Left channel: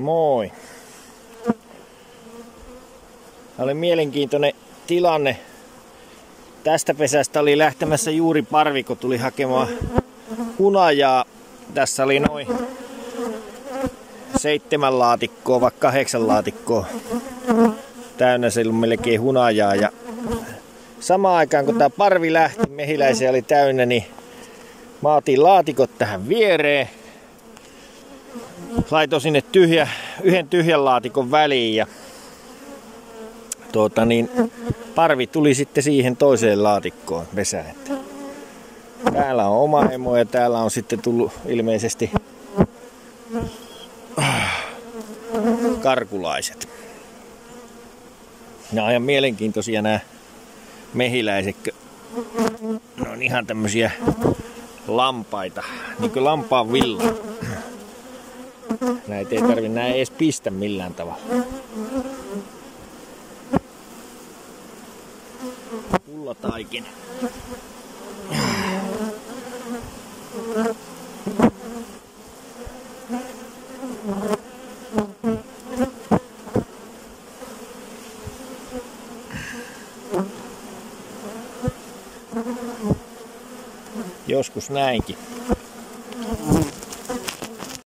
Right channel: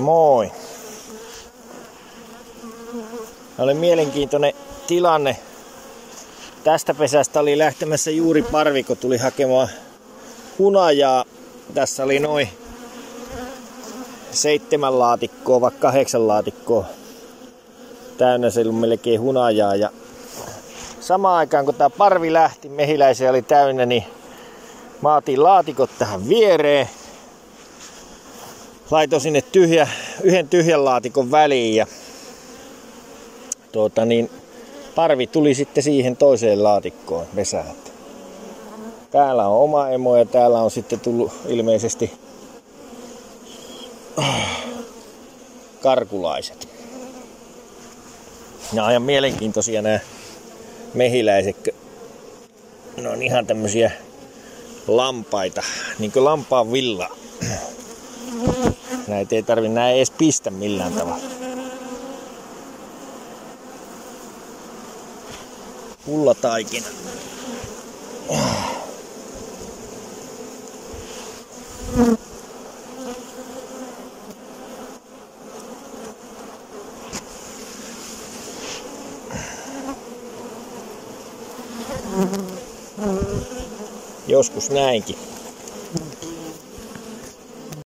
Moi. Oli mielenkiintoinen tilanne. Tästä pesästä oli lähtemässä juuri parvi, kun tuli hakemaan hunajaa. Tässä oli noin 7 laatikkoa, vaikka 8 laatikkoa täynnä, se oli melkein hunajaa. Ja samaan aikaan kun tää parvi lähti, mehiläisiä oli täynnä, niin mä otin laatikot tähän viereen. Laitoin sinne yhden tyhjän laatikon väliin ja parvi tuli sitten siihen toiseen laatikkoon pesään. Täällä on oma emo ja täällä on sitten tullut ilmeisesti karkulaiset. Nämä on ihan mielenkiintoisia nämä mehiläiset. Ne on ihan tämmösiä lampaita, niin kuin lampaan villa. Näitä ei tarvi näin edes pistä millään tavalla. Pullataikina. Joskus näinkin.